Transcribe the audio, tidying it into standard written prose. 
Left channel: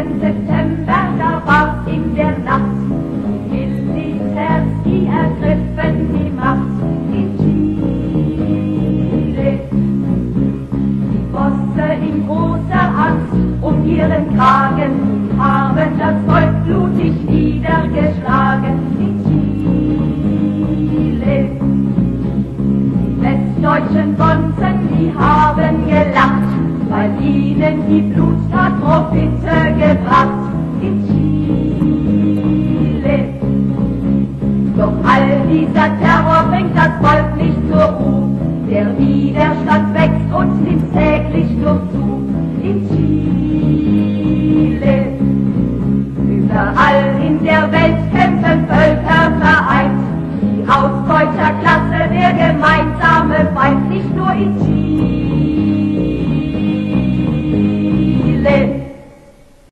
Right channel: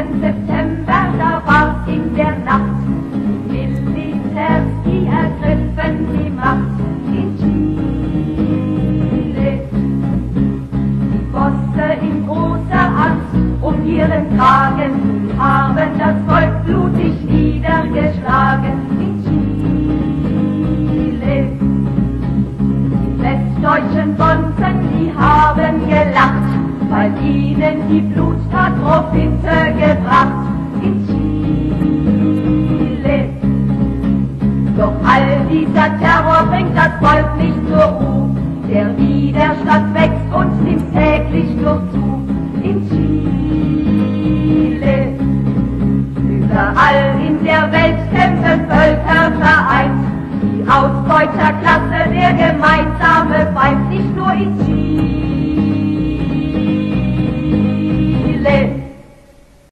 September, da war's in der Nacht. Militärs, die ergriffen die Macht in Chile. Die Bosse in großer Angst um ihren Kragen haben das Volk blutig niedergeschlagen in Chile. Die westdeutschen Bonzen, die haben gelacht, weil ihnen die Bluttat Profite gebracht in Chile. Doch all dieser Terror bringt das Volk nicht zur Ruhe. Der Widerstand wächst und nimmt täglich nur zu in Chile.